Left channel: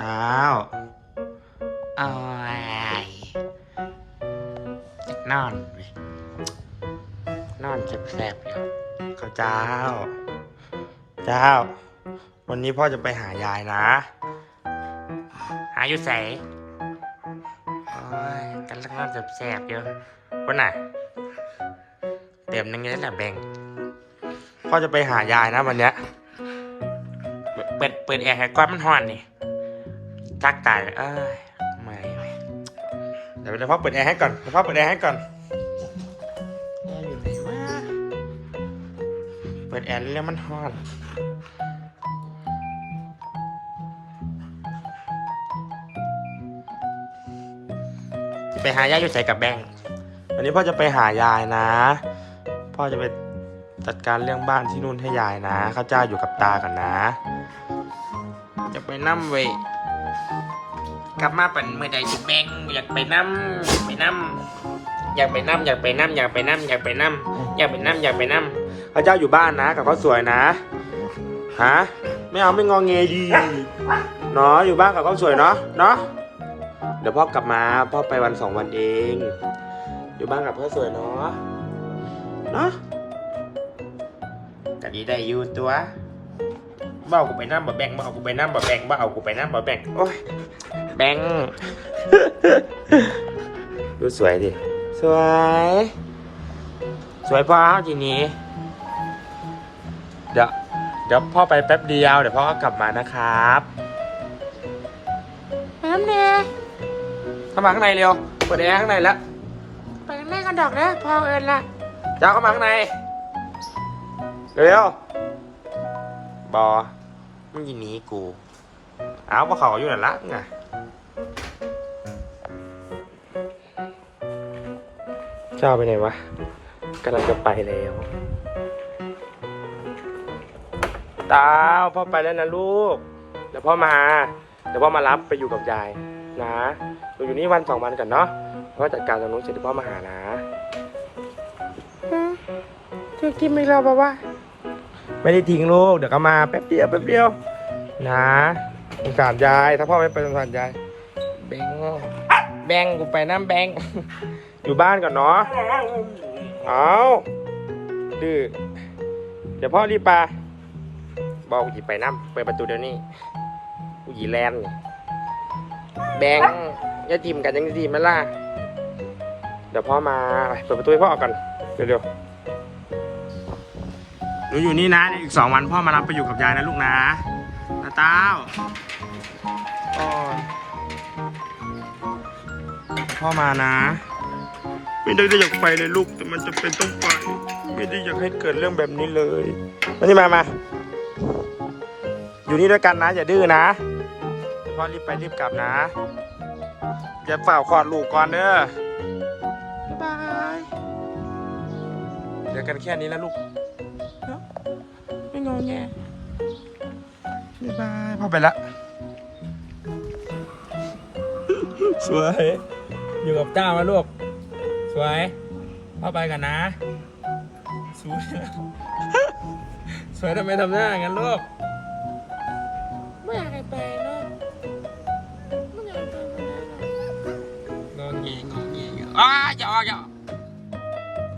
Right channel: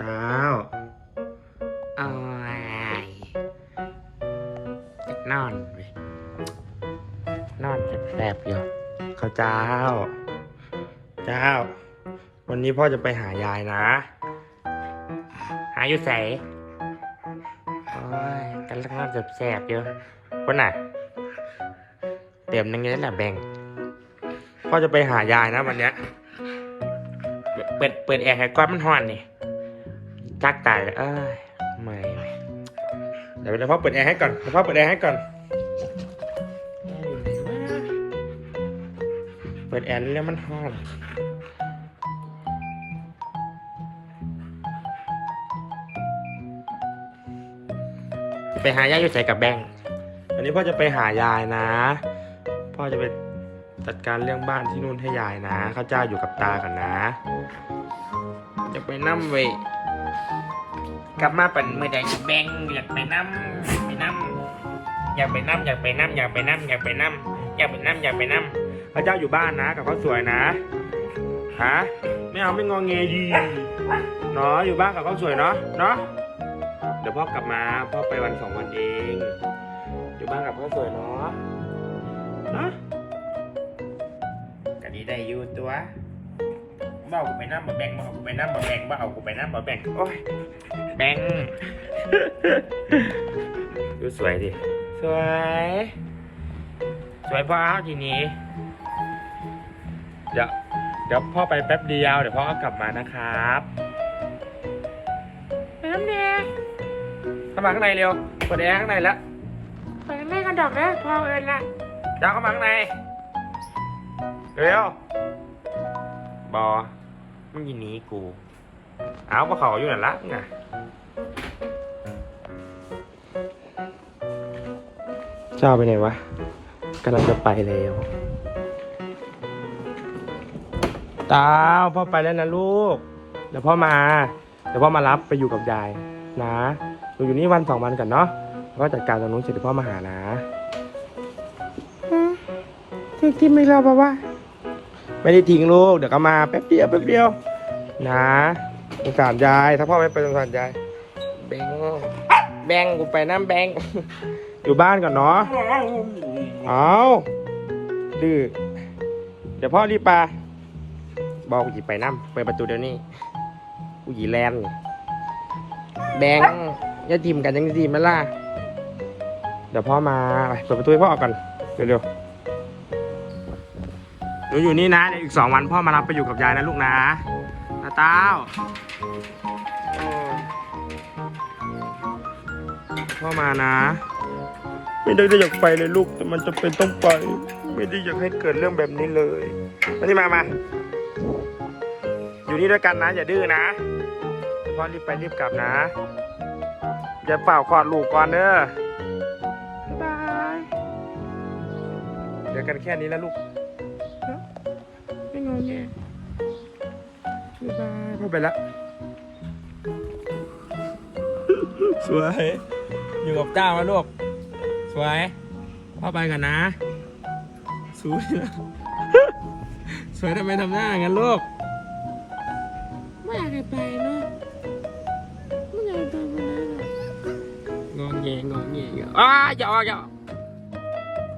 เจ้าโอ้ยจะนอนเว้ยนอนแสบๆอยู่ข้าวเจ้า เจ้า วันนี้พ่อจะไปหายายนะ หาอยู่ใสโอ้ยกันลังนอนแสบๆอยู่คนน่ะเต็มนึงเลยแหละแบ่งพ่อจะไปหายายนะวันเนี้ยเปิดเปิดแอร์ให้ก้อนมันห่อนนี่ จักตายเลยเอ้ยไม่เดี๋ยวเดี๋ยวพ่อเปิดแอร์ให้ก่อนเดี๋ยวพ่อเปิดแอร์ให้ก่อนอยู่ไหนวะเปิดแอร์แล้วมันฮอนไปหายายอยู่ใส่กับแบงวันนี้พ่อจะไปหายายนะ พ่อจะไปจัดการเรื่องบ้านที่นู่นให้ยายนะ ข้าเจ้าอยู่กับตากันนะ จะไปนั่มเว กลับมาเป็นเมื่อใดสิแบงอยากไปนั่มไปนั่มอยากไปนั่มอยากไปนั่มอยากไปนั่มอยากไปนั่มอยากไปนั่มอยากไปนั่มข้าวเจ้าอยู่บ้านนะ กับข้าวสวยนะฮะไม่เอาไม่งองเงดีเนาะอยู่บ้านกับข้าวสวยเนาะเนาะเดี๋ยวพ่อกลับมาพ่อไปวันสองวันเอง อยู่บ้านกับข้าวสวยเนาะเนาะก็ดีได้อยู่ตัว บ่เอากูไปนั่มบ่แบงบ่เอากูไปนั่มบ่แบงบ่เอากูไปนั่มบ่แบงโอ้ยแบงดูสวยดิ สวย สวยพอเอาทีนี้ เดี๋ยวเดี๋ยวพ่อไปแป๊บเดียว เดี๋ยวพ่อก็กลับมานะครับไปน้ำแน่เข้ามาข้างในเร็วเปิดแอร์ข้างในแล้วไปน้ำแน่กันดอกนะพอเอิญละเจ้าเข้ามาข้างใน เร็วบอ มึงยินหนี้กู เอาพวกเขาอยู่นั่นละไงเจ้าไปไหนวะกำลังจะไปเลยตาพ่อไปแล้วนะลูก เดี๋ยวพ่อมา เดี๋ยวพ่อมารับไปอยู่กับยายนะอยู่อยู่นี่วันสองวันกันเนาะพ่อจัดการตรงนู้นเสร็จเดี๋ยวพ่อมาหานะคือกินไม่เล่าปะวะ ไม่ได้ทิ้งลูก เดี๋ยวก็มาแป๊บเดียวแป๊บเดียวนะสงสารยาย ถ้าพ่อไม่ไปสงสารยาย แบงแบงกูไปน้ำแบงอยู่บ้านก่อนเนาะ เอาดื้อเดี๋ยวพ่อรีบไปบอกกูหยิบไปน้ำไปประตูเดี๋ยวนี้กูหยิบแลนแบงอย่าจิ้มกันจังสิมันล่ะ เดี๋ยวพ่อมาเปิดประตูให้พ่อออกก่อนเร็วๆ หนูอยู่นี่นะเดี๋ยวอีกสองวันพ่อมารับไปอยู่กับยายนะลูกนะตาเต้าโอ้ยพ่อมานะ ไม่ได้อยากไปเลยลูก แต่มันจะเป็นต้องไป ไม่ได้อยากให้เกิดเรื่องแบบนี้เลยมานี่มามา อยู่นี่ด้วยกันนะ อย่าดื้อนะพ่อรีบไปรีบกลับนะอย่าเฝ้าคลอดลูกก่อนเด้อบายบายเดี๋ยวกันแค่นี้แล้วลูก ไม่งอแงบ๊ายบายพ่อไปละ สวย อยู่กับเจ้านะลูก สวยพ่อไปกันนะ สวยนะสวยทำไมทำหน้าอย่างนั้นลูก ไม่อยากให้ไปเนาะไม่อยากไปนะงอแงงอแงงออ้าอย่าออกอย่าออก